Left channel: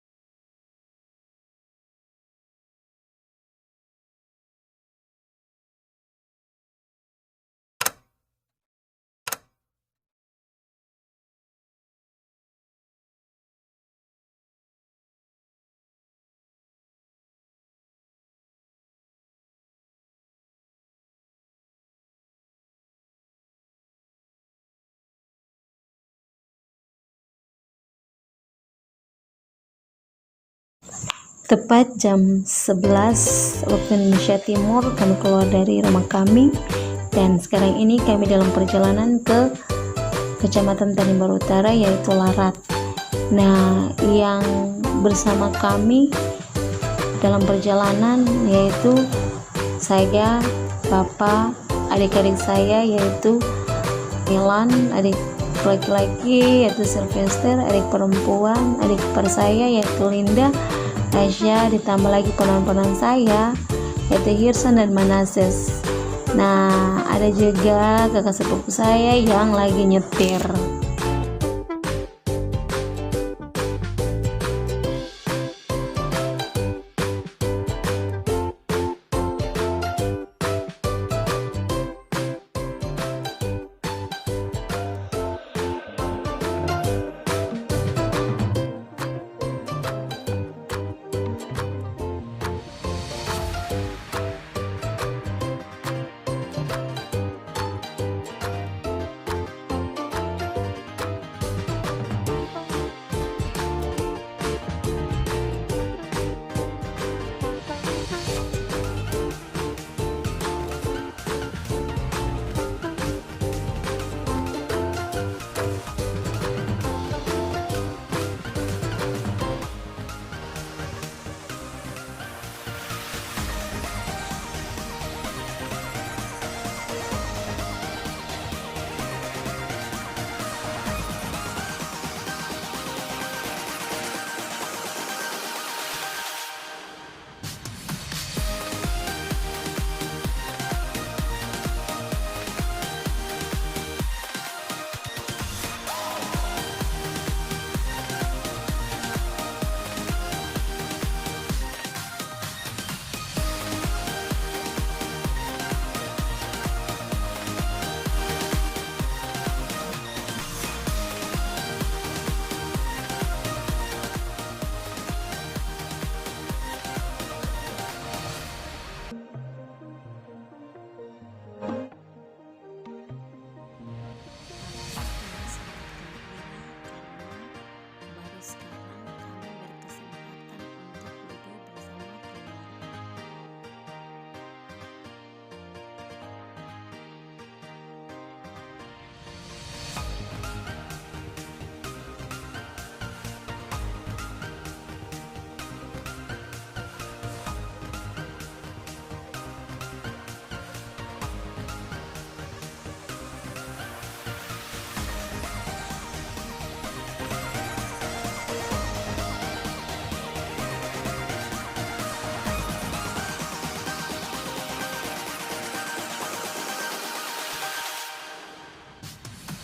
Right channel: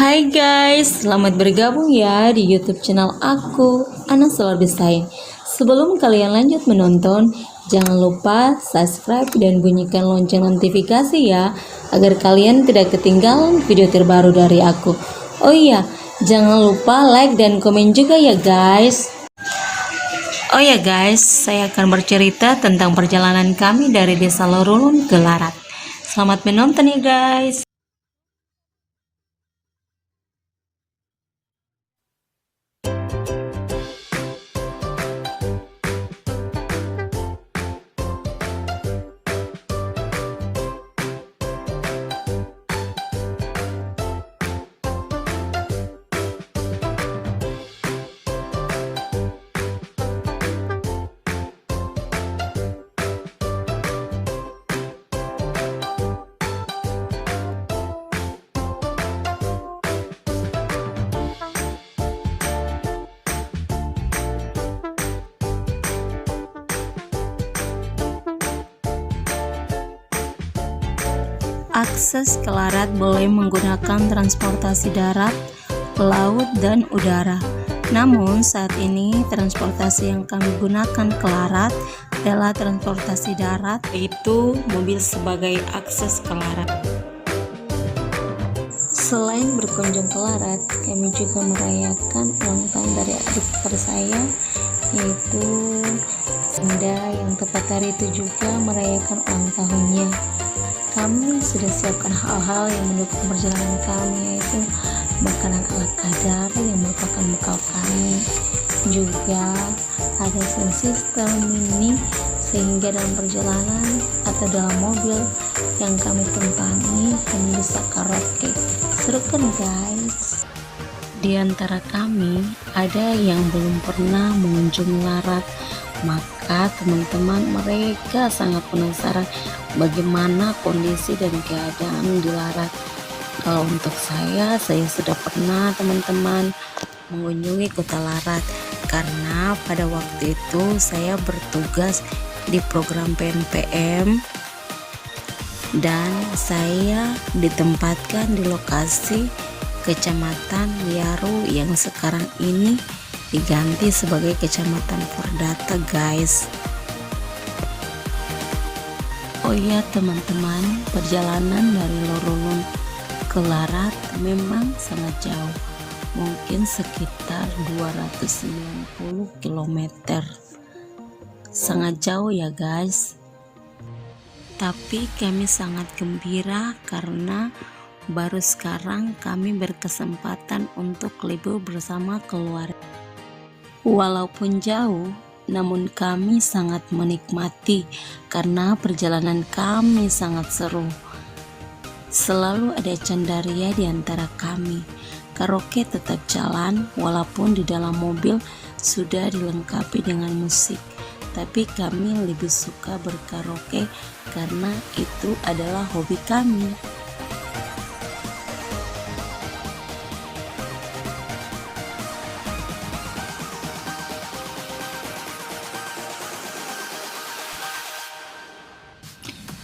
Hai guys, selamat bergabung ya di YouTube channel aku, Ana Solar Design. Sebelum kalian lanjut menonton, jangan lupa subscribe dan bunyikan lonceng notifikasi ya, agar kalian tidak ketinggalan video terbaru dari aku. Oh iya, jangan lupa like dan komen juga ya guys. Oh ya guys, saya akan bercerita tentang perjalanan kami dari Desa Lorulun ke Larat. Selamat menonton ya guys. Tepat jam 11 waktu Indonesia Timur kami keluar dari rumah kami, dan sekarang ini kami dalam perjalanan ke Kecamatan Tanimbar Utara yaitu Larat. Nah, yang bersama kami dalam perjalanan yaitu saya, Bapak, adik-adik saya yaitu Milan, adik laki-laki yaitu Sylvester, adik perempuan, adik ipar saya yaitu Linda, Aisyah, ditambah lagi ponakan saya yaitu Hirsan dan Manases. Nah, ada juga kakak sepupu saya yang lagi nyetir. Akses ke Larat boleh menggunakan transportasi darat, laut, dan udara. Namun saat ini transportasi yang kami gunakan ke Larat adalah transportasi darat, yaitu mobil sebagai akses ke Larat. Selain berkunjung ke Larat, kami juga merayakan ulang tahun dari adik ipar saya yaitu Senda, yang tepat hari itu juga merayakan ulang tahunnya. Kami sudah siapkan hal-hal yang mendukung perjalanan kami, yaitu makanan ala kadar yang merupakan bekal kami, juga ada sound system mini, sehingga dalam perjalanan atau dalam mobil yang kami tumpangi kami bisa karaoke. Seru kan guys? Di antara kami ada yang belum pernah mengunjungi Larat, maka teman-teman mereka sangat penasaran bagaimana kondisi dan keadaan di Larat. Kalau untuk saya sudah pernah teman-teman mengunjungi kota Larat, karena pada waktu itu saya bertugas di program PNPM dan saya ditempatkan di lokasi Kecamatan Wiaru yang sekarang ini diganti sebagai Kecamatan Purdata guys. Oh iya teman-teman, perjalanan dari Lorulun ke Larat memang sangat jauh, mungkin sekitar 290 km. Sangat jauh ya guys. Tapi kami sangat gembira karena baru sekarang kami berkesempatan untuk libur bersama keluarga. Walaupun jauh, namun kami sangat menikmati karena perjalanan kami sangat seru. Selalu ada candaria di antara kami. Karaoke tetap jalan walaupun di dalam mobil sudah dilengkapi dengan musik. Tapi kami lebih suka berkaraoke karena itu adalah hobi kami.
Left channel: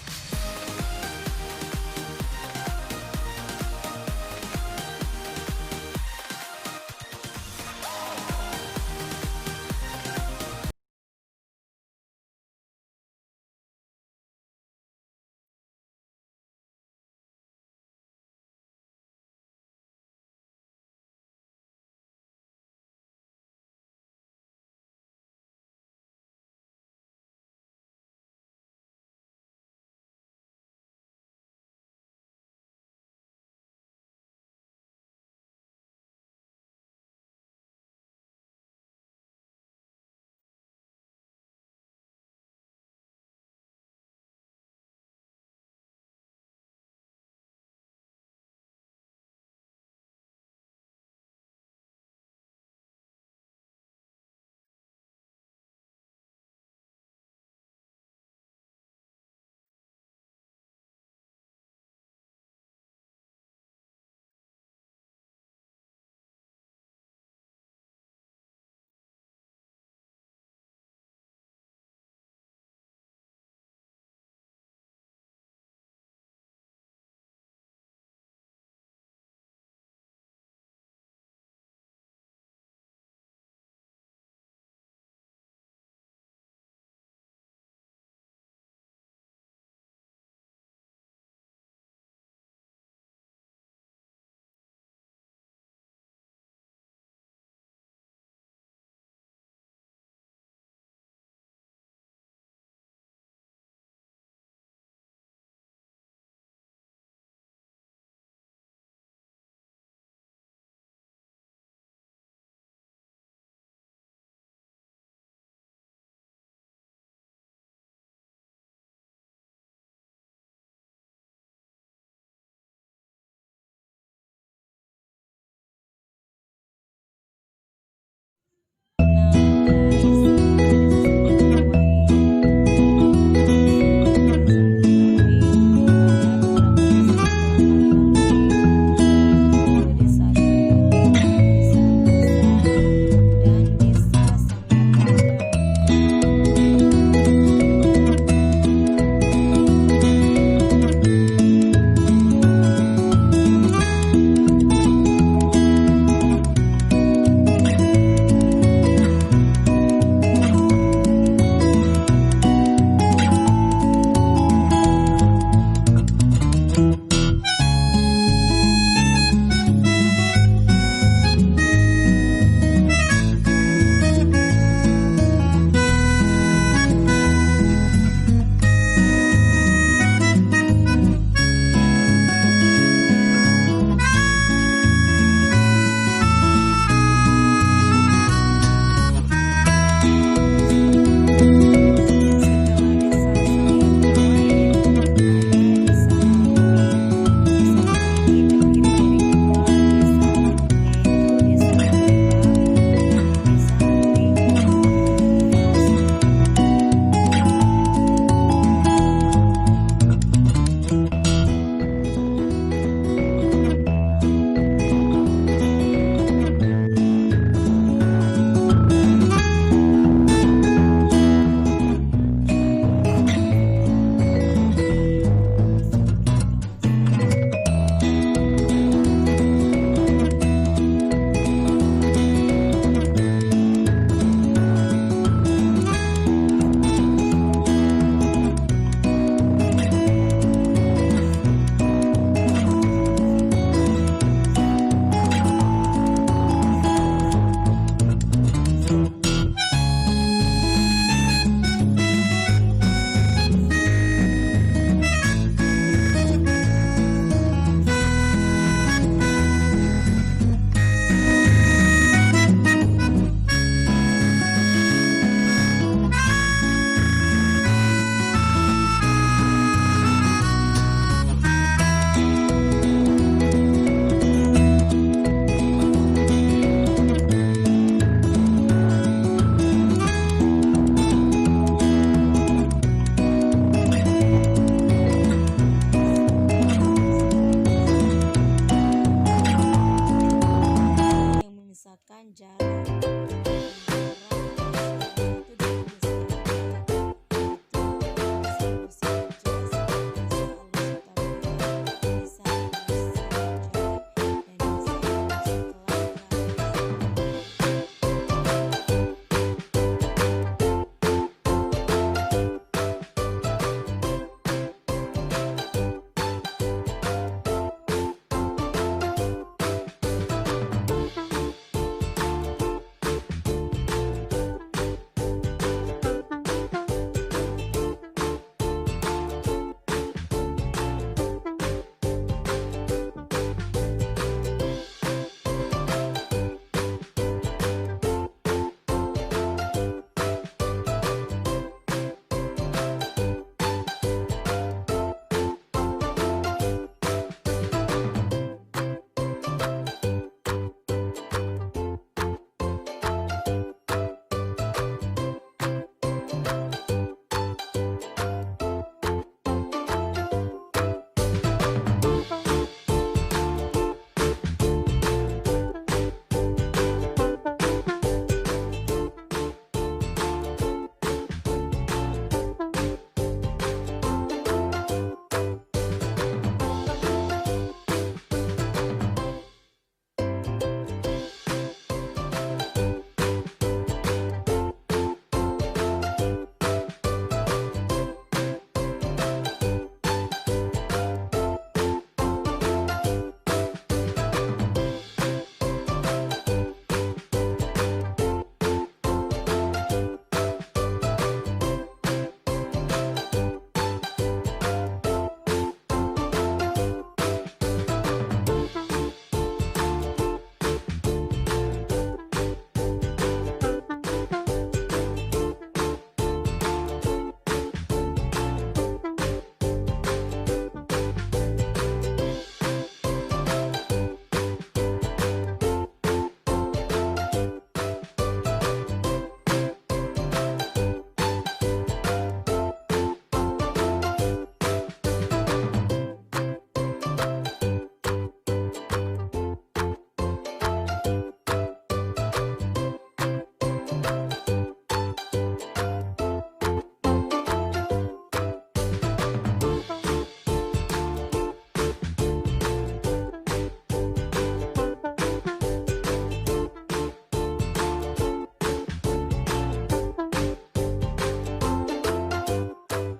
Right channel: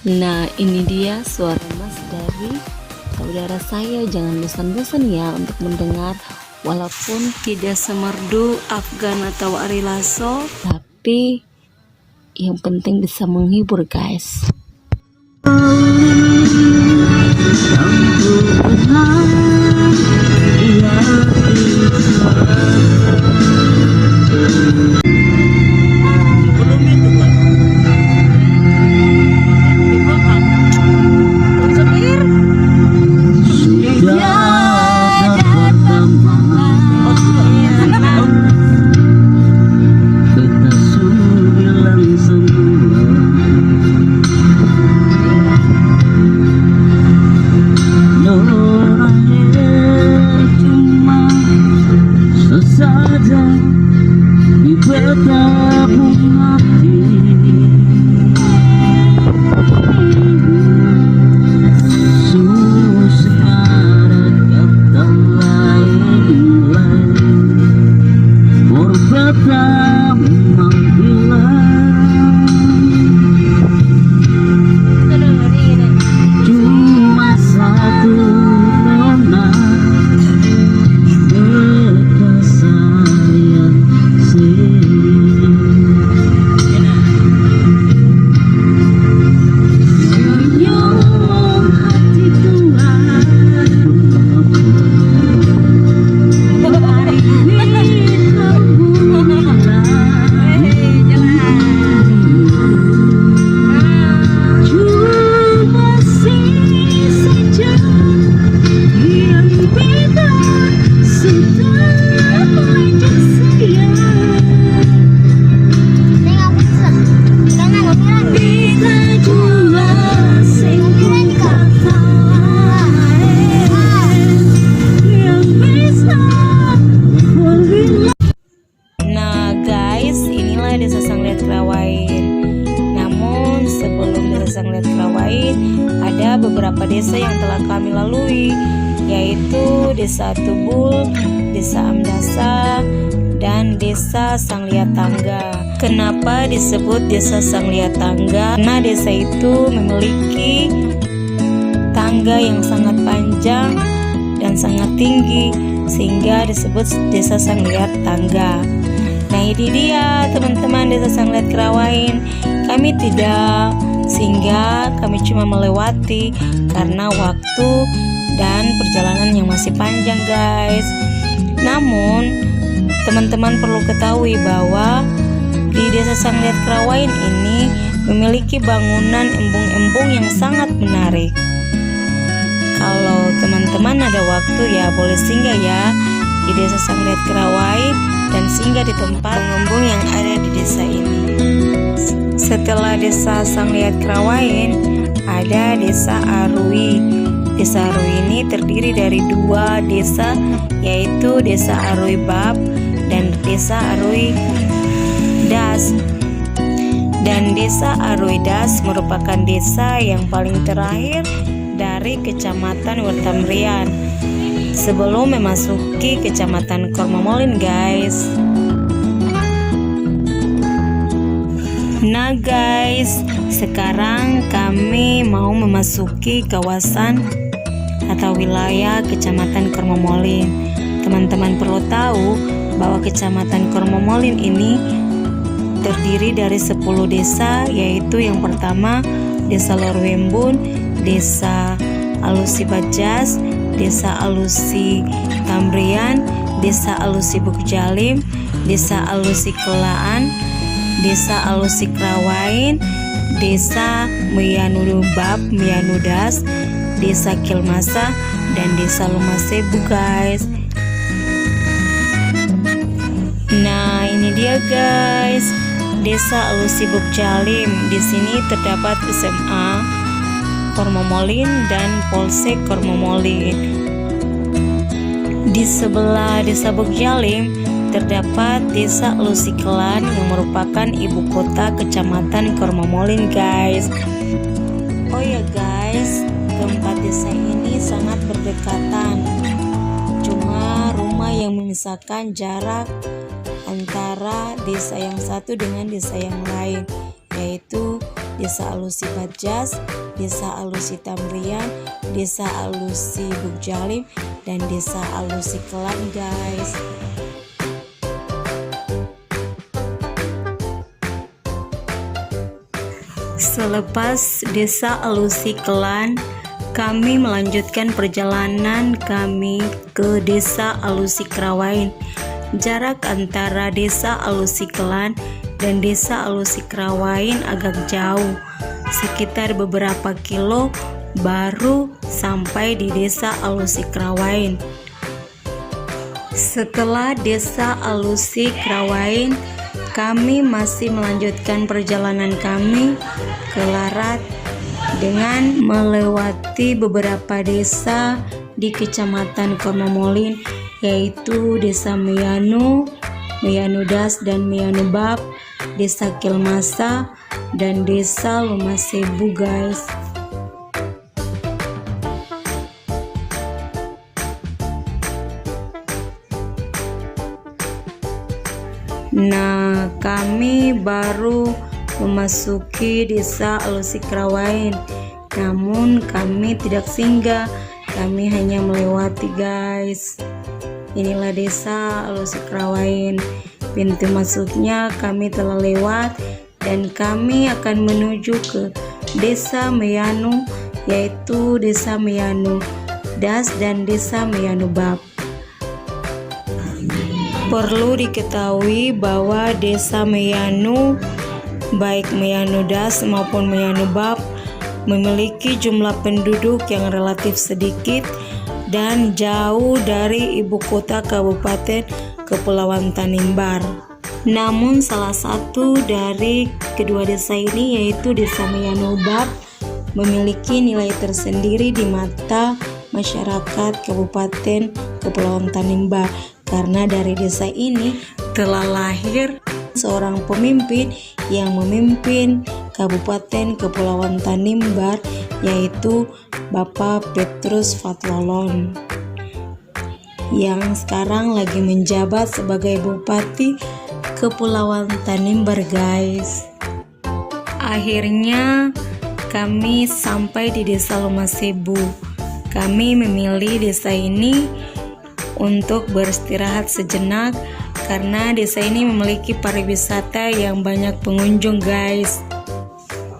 Nah, ini dia suara mas dari saudara saya. Jangan bosan-bosan ya untuk mendengar, walaupun tidak semerdu Afgan atau Ari Lasso, tapi yang penting bisa menghibur guys. lain, ada beberapa desa yang telah kami lalui, yaitu Desa Tubul, Desa Amdasa, dan Desa Sangliat Tangga. Kenapa disebut Desa Sangliat Tangga? Karena desa itu memiliki tangga yang sangat panjang dan sangat tinggi, sehingga disebut Desa Sangliat Tangga. Nah, ini dia teman-teman Desa Sangliat Kerawain. Kami tidak singgah, kami cuma melewati karena waktu dan perjalanan yang masih panjang, guys. Namun teman-teman perlu ketahui bahwa di Desa Sangliat Kerawain ini memiliki bangunan embung-embung yang sangat menarik. Kalau teman-teman ada waktu ya boleh singgah ya di Desa Sangliat Kerawain dan singgah di tempat embung yang ada di desa ini. Setelah Desa Sangliat Kerawain ada Desa Arui. Desa Arui ini terdiri dari dua desa, yaitu Desa Arui Bab dan Desa Arui Das. Dan Desa Arui Das merupakan desa yang paling terakhir dari Kecamatan Wertambrian sebelum memasuki Kecamatan Kormamolin, guys. Nah guys, sekarang kami mau memasuki kawasan atau wilayah Kecamatan Kormamolin. Teman-teman perlu tahu bahwa Kecamatan Kormamolin ini terdiri dari 10 desa, yaitu yang pertama Desa Lorwembun, Desa Alusi Bajas, Desa Alusi Tambrian, Desa Alusi Bukjalim, Desa Alusi Kelaan, Desa Alusi Kerawain, Desa Meyanu Bab, Meyanu Das, Desa Kilmasa, dan Desa Lumasebu, guys. Nah, ini dia guys, Desa Alusi Bukjalim. Di sini terdapat SMA Kormamolin dan Polsek Kormamolin. Di sebelah Desa Bukjalim terdapat Desa Alusi Kelaan yang merupakan ibu kota Kecamatan Kormamolin, guys. Oh ya guys, keempat desa ini sangat berdekatan. Cuma rumah yang memisahkan jarak antara desa yang satu dengan desa yang lain, yaitu Desa Alusi Bajas, Desa Alusi Tambrian, Desa Alusi Bukjalim, dan Desa Alusi Kelaan, guys. Selepas Desa Alusi Kelaan, kami melanjutkan perjalanan kami ke Desa Alusi Kerawain. Jarak antara Desa Alusi Kelaan dan Desa Alusi Kerawain agak jauh, sekitar beberapa kilo baru sampai di Desa Alusi Kerawain. Setelah Desa Alusi Kerawain, kami masih melanjutkan perjalanan kami ke Larat dengan melewati beberapa desa di Kecamatan Kormamolin, yaitu Desa Meyanu, Meyanu Das dan Meyanu Bab, Desa Kilmasa, dan Desa Lumasebu, guys. Nah, kami baru memasuki Desa Alusi Kerawain. Namun kami tidak singgah, kami hanya melewati, guys. Inilah Desa Alusi Kerawain. Pintu masuknya kami telah lewat dan kami akan menuju ke Desa Meyanu, yaitu Desa Meyanu Das dan Desa Meyanu Bab. Perlu diketahui bahwa Desa Meyanu, baik Meyanu Das maupun Meyanu Bab, memiliki jumlah penduduk yang relatif sedikit dan jauh dari ibu kota Kabupaten Kepulauan Tanimbar. Namun salah satu dari kedua desa ini, yaitu Desa Meyanu Bab, memiliki nilai tersendiri di mata masyarakat Kabupaten Kepulauan Tanimbar, karena dari desa ini telah lahir seorang pemimpin yang memimpin Kabupaten Kepulauan Tanimbar, yaitu Bapak Petrus Fatlolon yang sekarang lagi menjabat sebagai Bupati Kepulauan Tanimbar, guys. Akhirnya kami sampai di Desa Lumasebu. Kami memilih desa ini untuk beristirahat sejenak karena desa ini memiliki pariwisata yang banyak pengunjung, guys.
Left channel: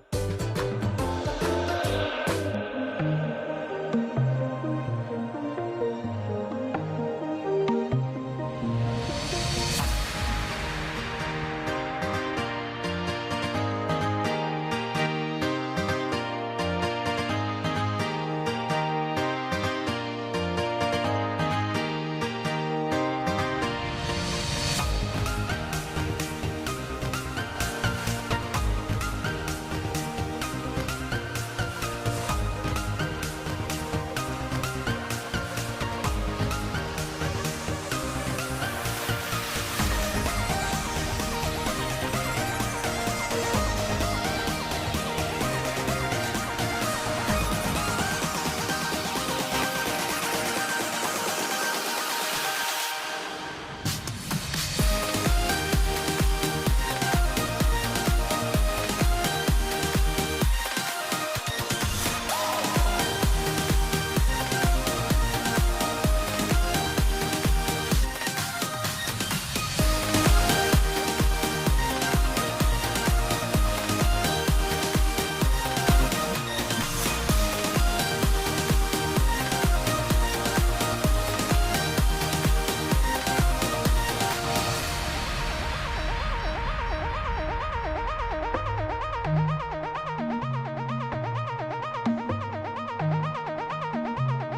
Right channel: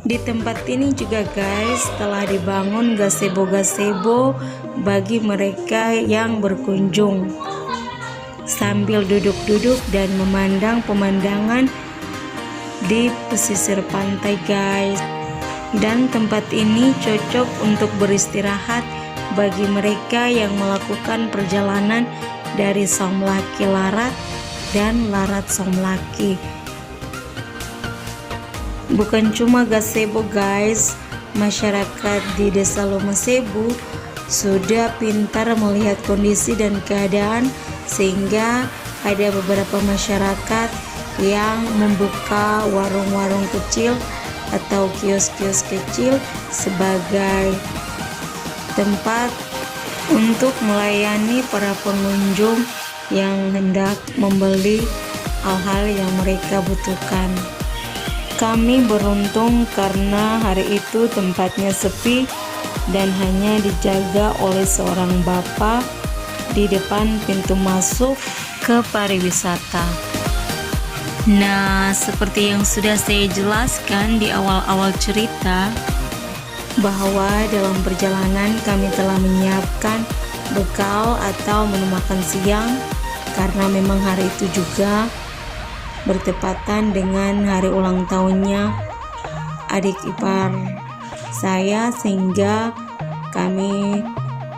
Di tempat ini juga, guys, telah dibangun gazebo-gazebo bagi mereka yang berkunjung sambil duduk-duduk dan memandang pemandangan di pesisir pantai, guys. Dan tempat ini cocok untuk beristirahat bagi mereka yang melakukan perjalanan dari Somlaki Larat dan Larat Somlaki. Bukan cuma gazebo, guys, masyarakat di Desa Lumasebu sudah pintar melihat kondisi dan keadaan sehingga ada beberapa masyarakat yang membuka warung-warung kecil atau kios-kios kecil sebagai tempat untuk melayani para pengunjung yang hendak membeli hal-hal yang mereka butuhkan. Kami beruntung karena hari itu tempatnya sepi dan hanya dijaga oleh seorang bapak di depan pintu masuk ke pariwisata. Nah, seperti yang sudah saya jelaskan di awal-awal cerita, bahwa dalam perjalanan kami telah menyiapkan bekal atau menu makan siang karena memang hari itu juga bertepatan dengan hari ulang tahunnya adik ipar saya, sehingga kami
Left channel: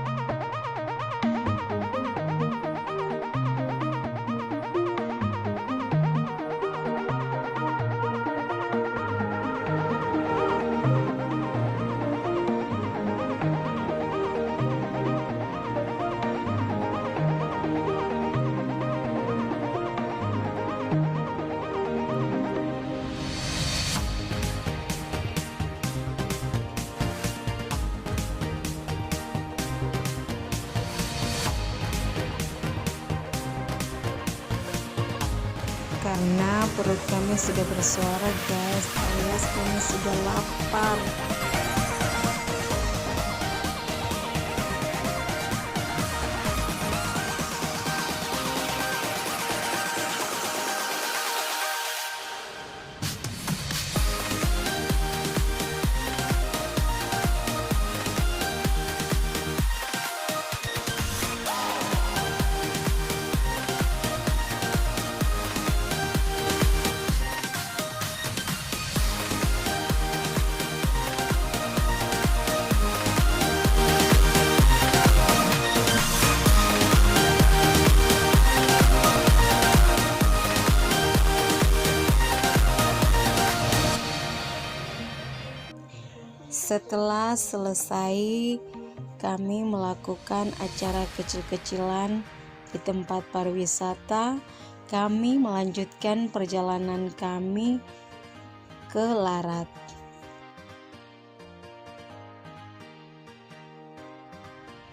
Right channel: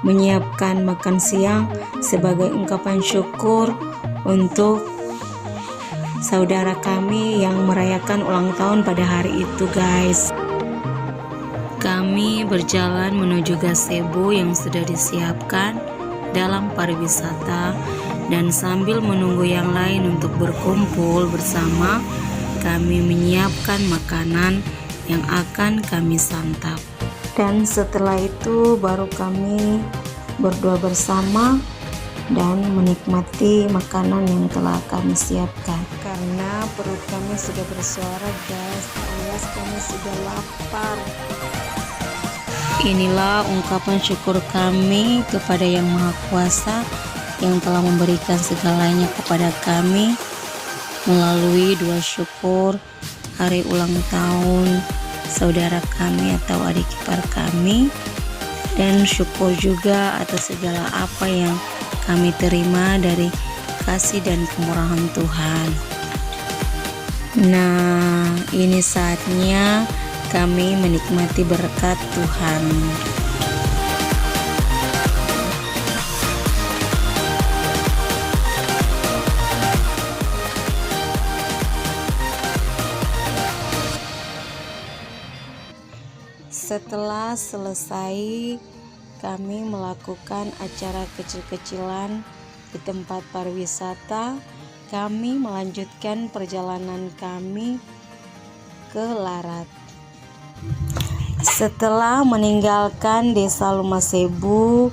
menyiapkan makan siang sebagai ungkapan syukur untuk saudara kami yang merayakan ulang tahun pada hari itu, guys. Kami berjalan menuju gazebo yang sudah disiapkan dalam pariwisata, dan sambil menunggu yang lain untuk berkumpul bersama, kami menyiapkan makanan yang akan kami santap. Dan setelah itu baru kami berdoa bersama dan menikmati makanan yang telah kami siapkan. Karena perut kami sudah bersuara, guys, alias kami sudah lapar. Inilah ungkapan syukur kami kepada Yang Maha Kuasa yang telah memberikan segalanya kepada kami melalui doa syukur hari ulang tahun saudara kami atau adik ipar kami, dan syukur juga atas segala apa yang kami terima dari kasih dan kemurahan Tuhan. Nah, ini saatnya kami menikmati berkat Tuhan. Setelah selesai, kami melakukan acara kecil-kecilan di tempat pariwisata. Kami melanjutkan perjalanan kami ke Larat. Setelah meninggalkan Desa Lumasebu,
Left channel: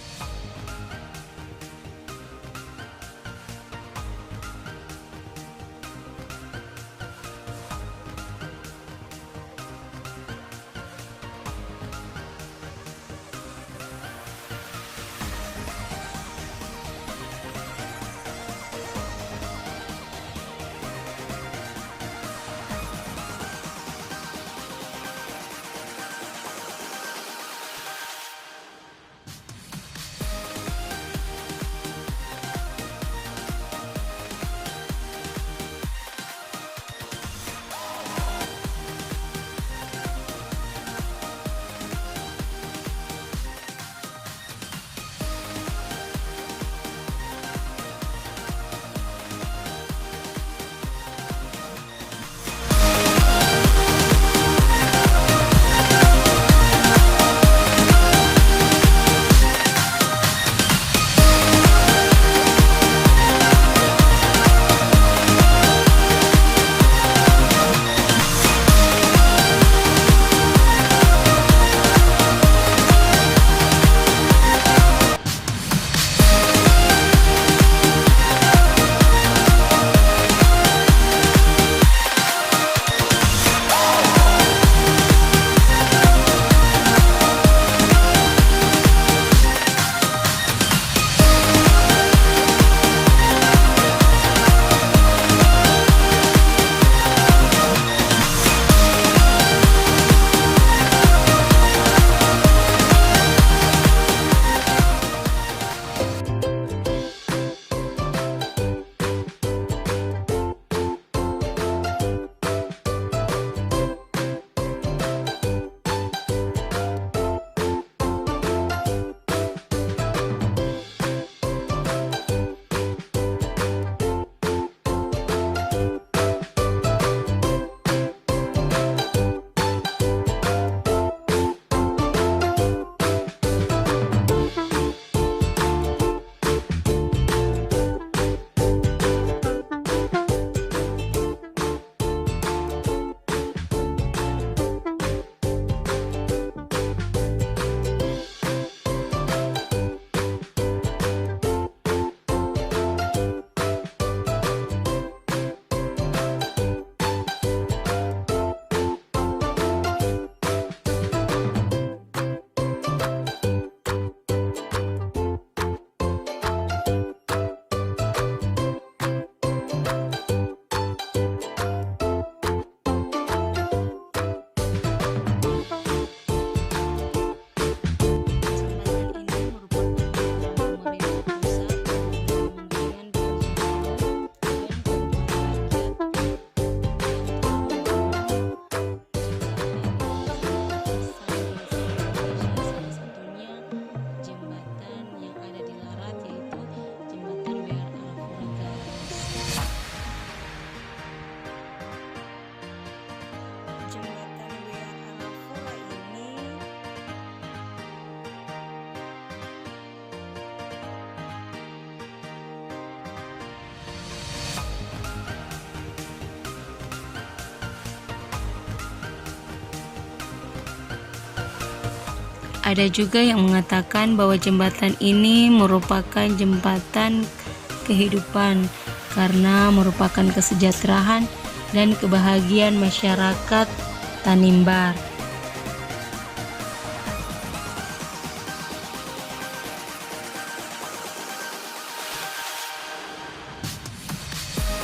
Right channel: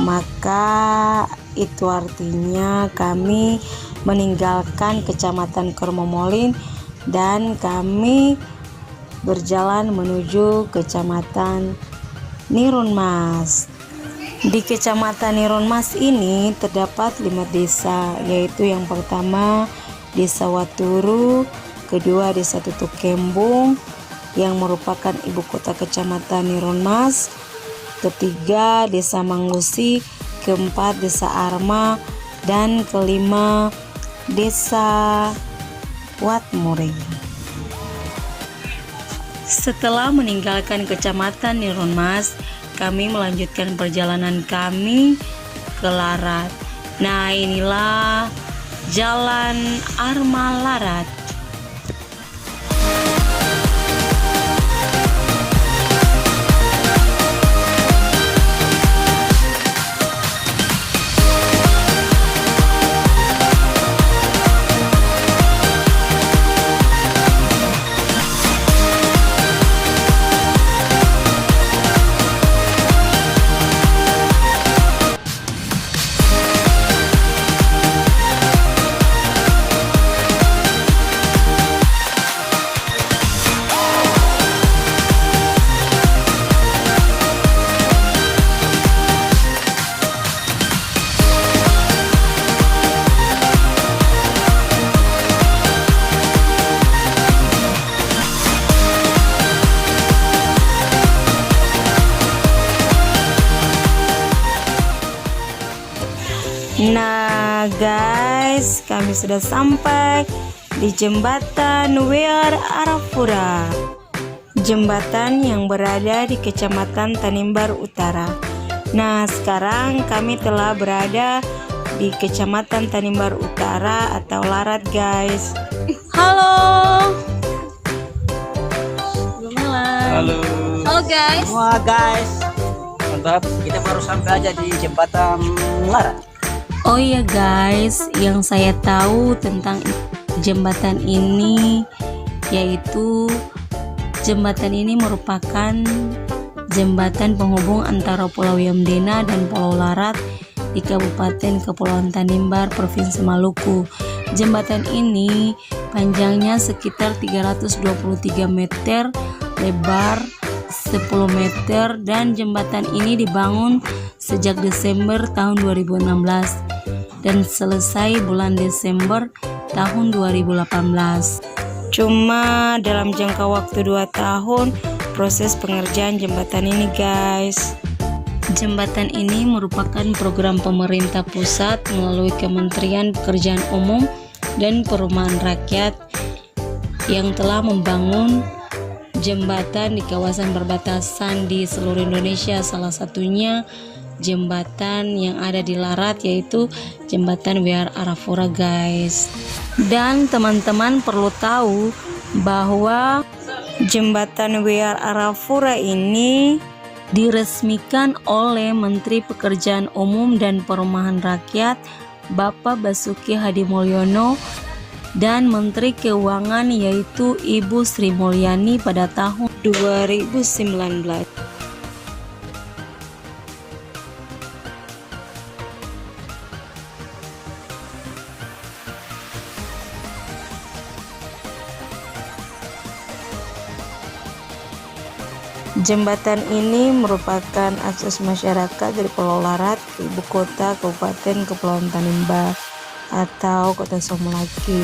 maka itu artinya kami meninggalkan Kecamatan Kermomolin dan kami berjalan menuju Kecamatan Nirunmas. Di Kecamatan Nirunmas ini terdapat 5 desa, yaitu yang pertama Desa Waturu, kedua Desa Tutuk Kembung yang merupakan ibu kota Kecamatan Nirunmas, ketiga Desa Mangusi, keempat Desa Arma, dan kelima Desa Watmuring. Setelah meninggalkan Kecamatan Nirunmas, kami melanjutkan perjalanan kami ke Larat. Nah, inilah Jalan Arma Larat. guys, kami sudah sampai di jembatan Wear Arafura, jembatan yang berada di Kecamatan Tanimbar Utara. Nah, sekarang kami telah berada di Kecamatan Tanimbar Utara atau Larat, guys. Halo. Halo. Halo guys. Wah guys, mantap. Kita baru sampai aja di jembatan Larat. Oh iya guys, yang saya tahu tentang jembatan ini yaitu jembatan ini merupakan jembatan penghubung antara Pulau Yamdena dan Pulau Larat di Kabupaten Kepulauan Tanimbar, Provinsi Maluku. Jembatan ini panjangnya sekitar 323 meter, lebar 10 meter, dan jembatan ini dibangun sejak Desember tahun 2016 dan selesai bulan Desember tahun 2018. Cuma dalam jangka waktu 2 tahun proses pengerjaan jembatan ini, guys. Jembatan ini merupakan program pemerintah pusat melalui Kementerian Pekerjaan Umum dan Perumahan Rakyat yang telah membangun jembatan di kawasan perbatasan di seluruh Indonesia. Salah satunya jembatan yang ada di Larat, yaitu jembatan Wear Arafura, guys. Dan teman-teman perlu tahu bahwa jembatan Wear Arafura ini diresmikan oleh Menteri Pekerjaan Umum dan Perumahan Rakyat Bapak Basuki Hadimulyono dan Menteri Keuangan yaitu Ibu Sri Mulyani pada tahun 2019. Ada juga yang mengatakan bahwa jembatan ini merupakan jembatan kehidupan karena merupakan kesejahteraan dan kebahagiaan masyarakat Tanimbar. Jembatan ini merupakan akses masyarakat dari Pulau Larat ke ibu kota Kabupaten Kepulauan Tanimbar atau Kota Somolaki.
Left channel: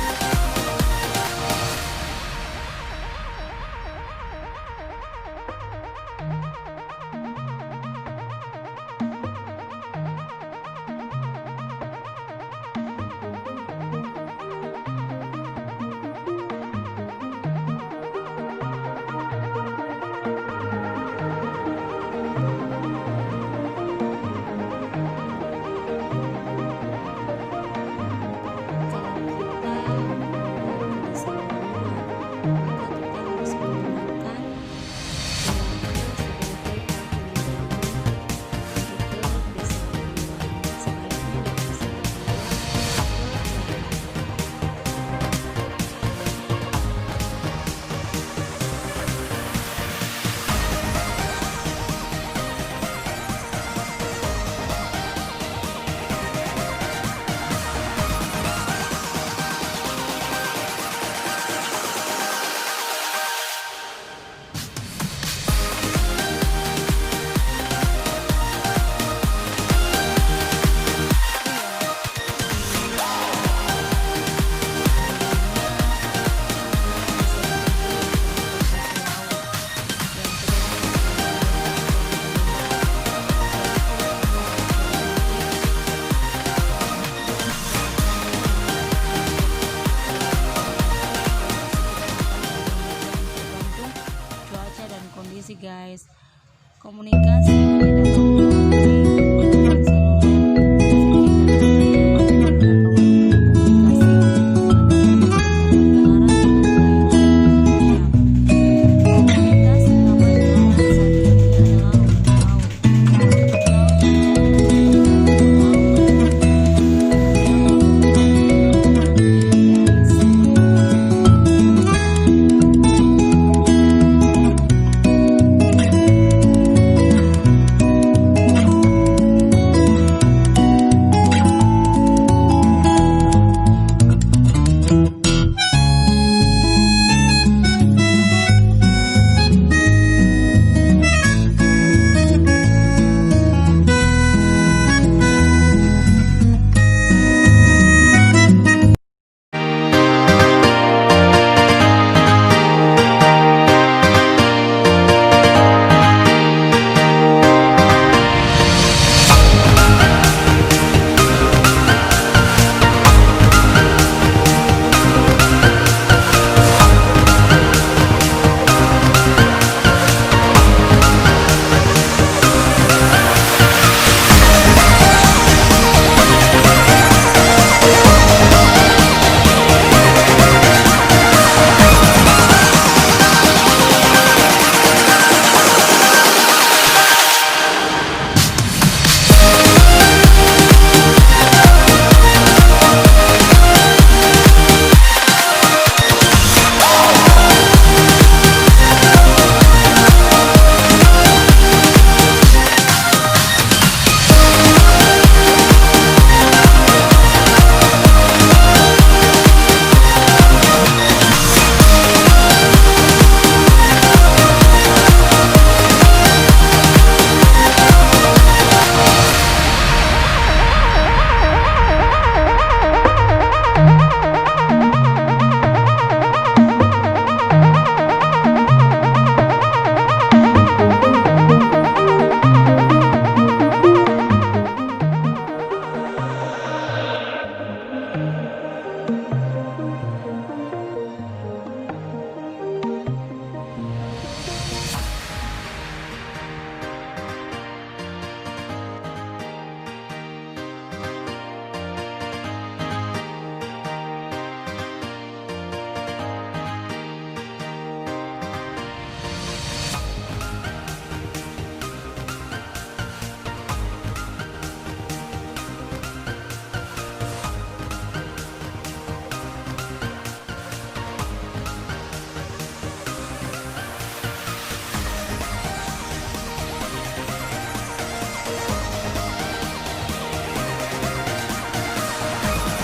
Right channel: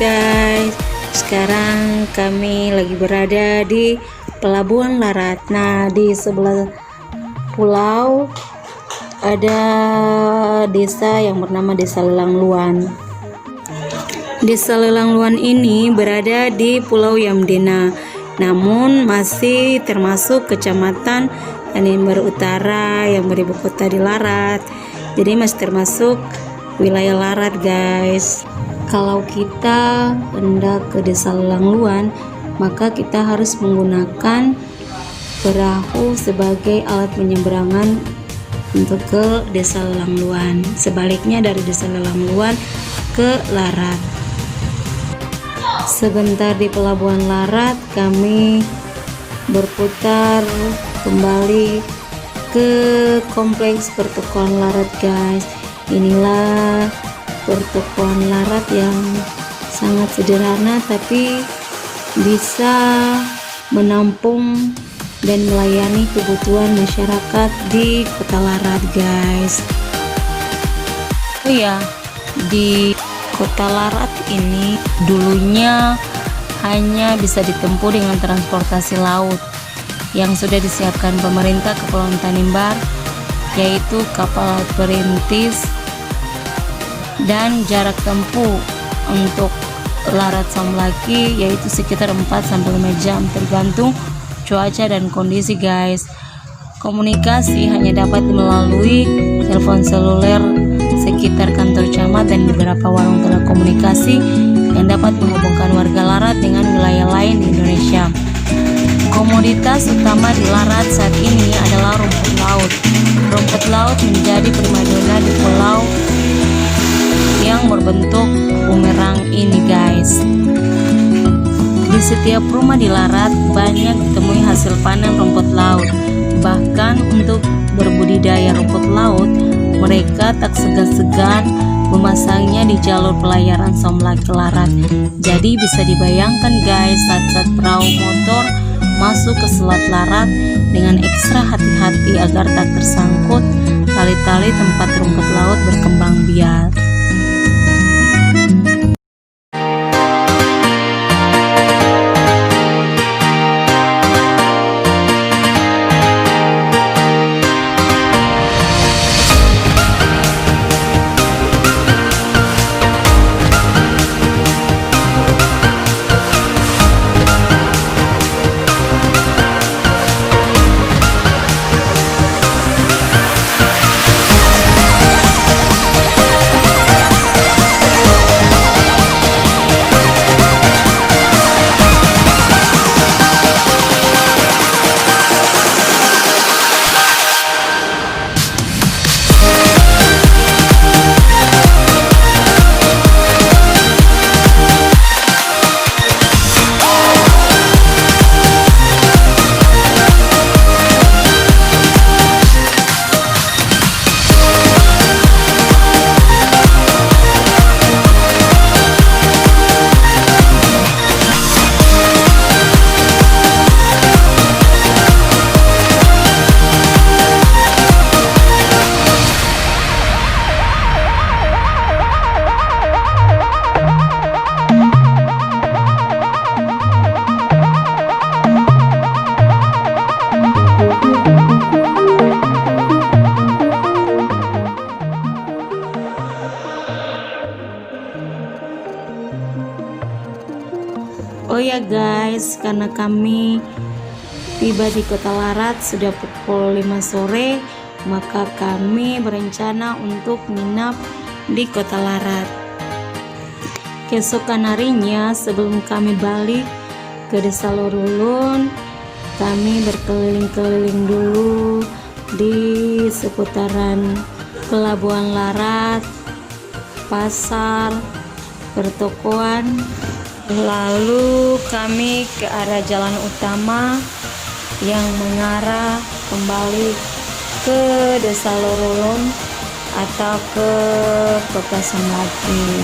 Guys, sekarang kami lagi berada di Pelabuhan Larat. Nah, di sebelah pulau ada desa yang bernama Desa Lelangluan. Desa Lelangluan ini berada di Pulau Yamdena, namun masih termasuk Kecamatan Tanimbar Utara yang beribu kota di Larat. Jadi masih termasuk wilayah Larat, guys. Kalau kita hendak ke Desa Lelangluan, maka kita harus menggunakan perahu sebagai alat penyeberangan untuk ke Desa Lelangluan. Sebaliknya dari Desa Lelangluan ke Larat. Sebentar di Pelabuhan Larat, kami berputar kembali ke kompleks pertokoan Larat, guys. Inilah pertokoan Larat yang sangat sederhana tapi bisa menampung dan melayani kebutuhan masyarakat di Kota Larat, guys. Oh ya, di Kota Larat ini dulunya hanya bisa ditempuh dengan transportasi laut yang sudah disiapkan pemerintah Kepulauan Tanimbar, yaitu kapal laut perintis, dan jarak tempuh untuk Larat Somolaki yaitu sekitar 4-5 jam tergantung cuaca dan kondisi, guys. Komunikasi hanya dapat melalui telepon seluler sekitar kantor camat dan beberapa warung telekomunikasi yang dapat menghubungkan warga Larat dengan wilayah lain di Indonesia. Komoditas utama di Larat saat ini adalah rumput laut. Rumput laut menjadi primadona di pulau yang berbentuk bumerang ini, guys. Di setiap rumah di Larat banyak ditemui hasil panen rumput laut. Bahkan untuk berbudidaya rumput laut, mereka tak segan-segan memasangnya di jalur pelayaran Somolaki Larat. Jadi bisa kami tiba di Kota Larat sudah pukul 5 sore, maka kami berencana untuk menginap di Kota Larat. Keesokan harinya sebelum kami balik ke Desa Lorulun, kami berkeliling-keliling dulu di seputaran Pelabuhan Larat, pasar, pertokoan. Lalu kami ke arah jalan utama yang mengarah kembali ke Desa Lorulun atau ke Kota Samapin.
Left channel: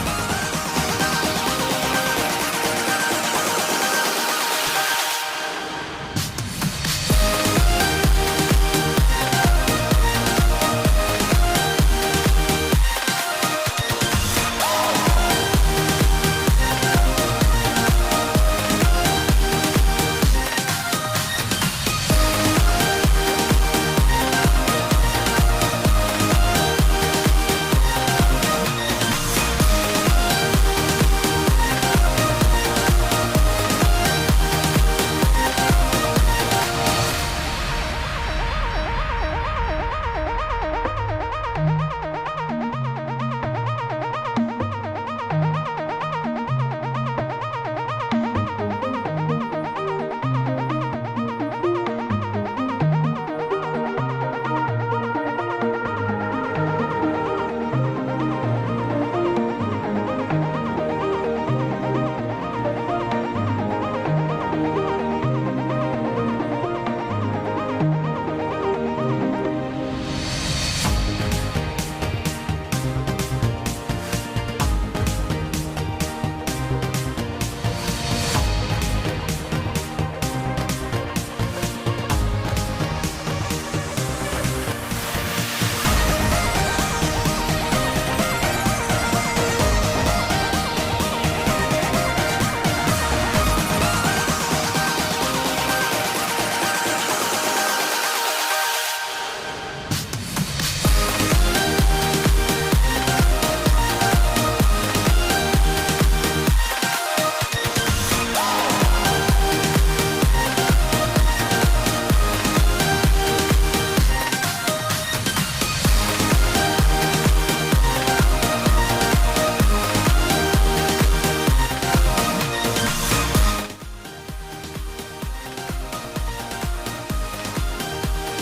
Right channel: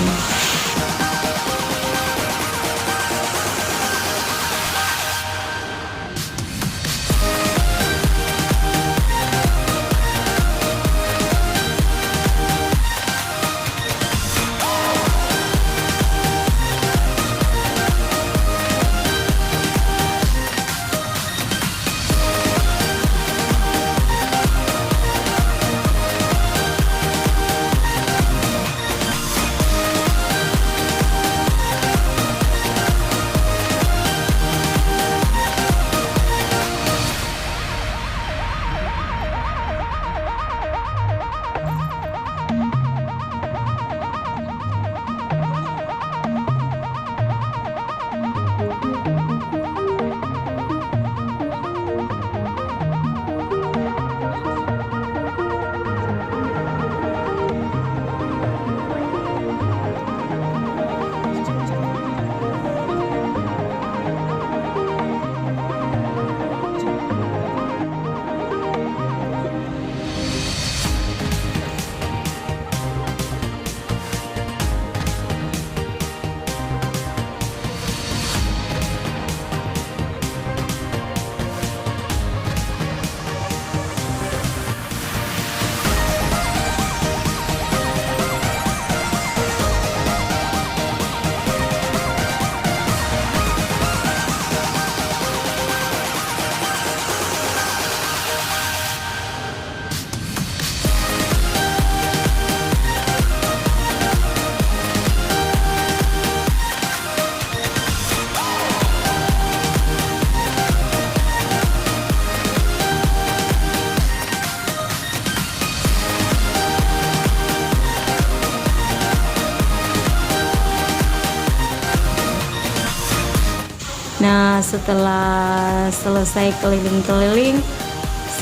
Nah, setelah selesai keliling-keliling,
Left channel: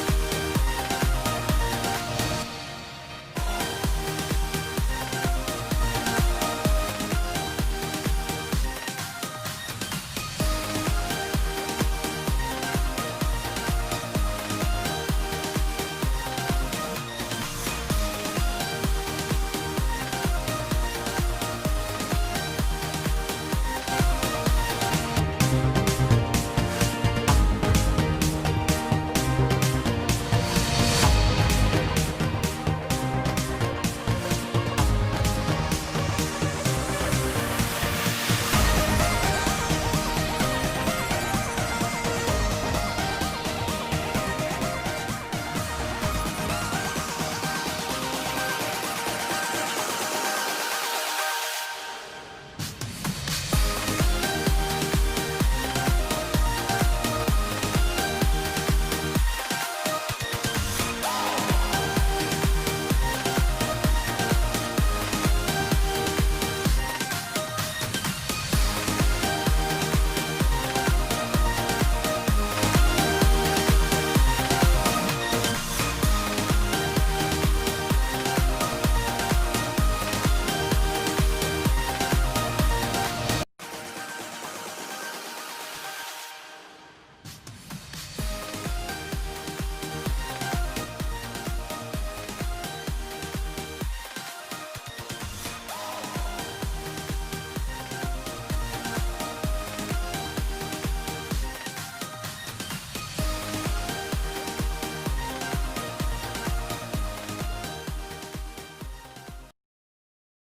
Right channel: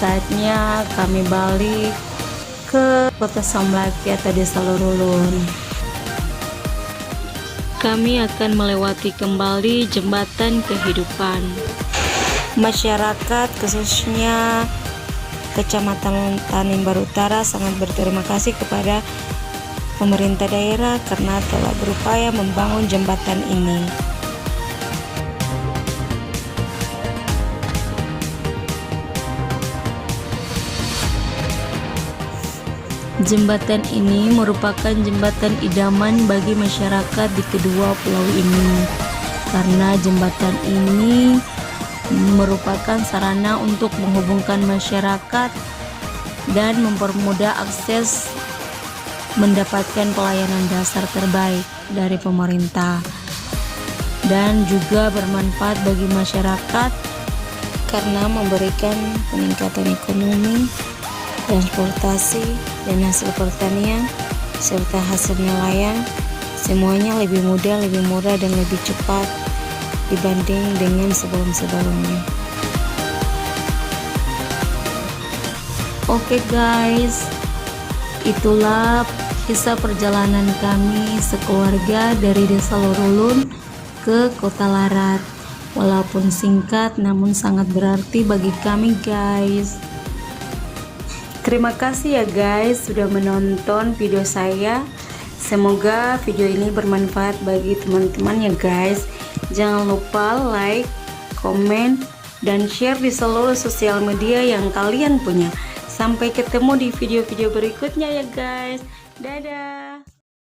saatnya kami balik ke Kota Samlaki atau Desa Lorulun. Kami akan melewati kembali jembatan kehidupan. Masyarakat khususnya Kecamatan Tanimbar Utara sangat berterima kasih kepada pemerintah daerah karena telah berupaya membangun jembatan ini. Jembatan ini merupakan jembatan idaman bagi masyarakat di kedua pulau ini, karena jembatan ini merupakan sarana untuk menghubungkan masyarakat dan mempermudah akses mendapatkan pelayanan dasar terbaik dari pemerintah, dan juga bermanfaat bagi masyarakat karena memberikan peningkatan ekonomi, transportasi, dan hasil pertanian serta hasil nelayan. Semuanya lebih mudah, lebih murah, dan lebih cepat dibanding dengan sebelum-sebelumnya. Oke guys, itulah kisah perjalanan kami sekeluarga dari Desa Lorulun ke Kota Larat. Walaupun singkat namun sangat berarti bagi kami guys. Terima kasih ya guys sudah menonton video saya. Semoga video ini bermanfaat bagi teman-teman ya guys. Jangan lupa like, komen, dan share di seluruh sosial media yang kalian punya. Sampai ketemu di video-video berikutnya ya guys. Dadah.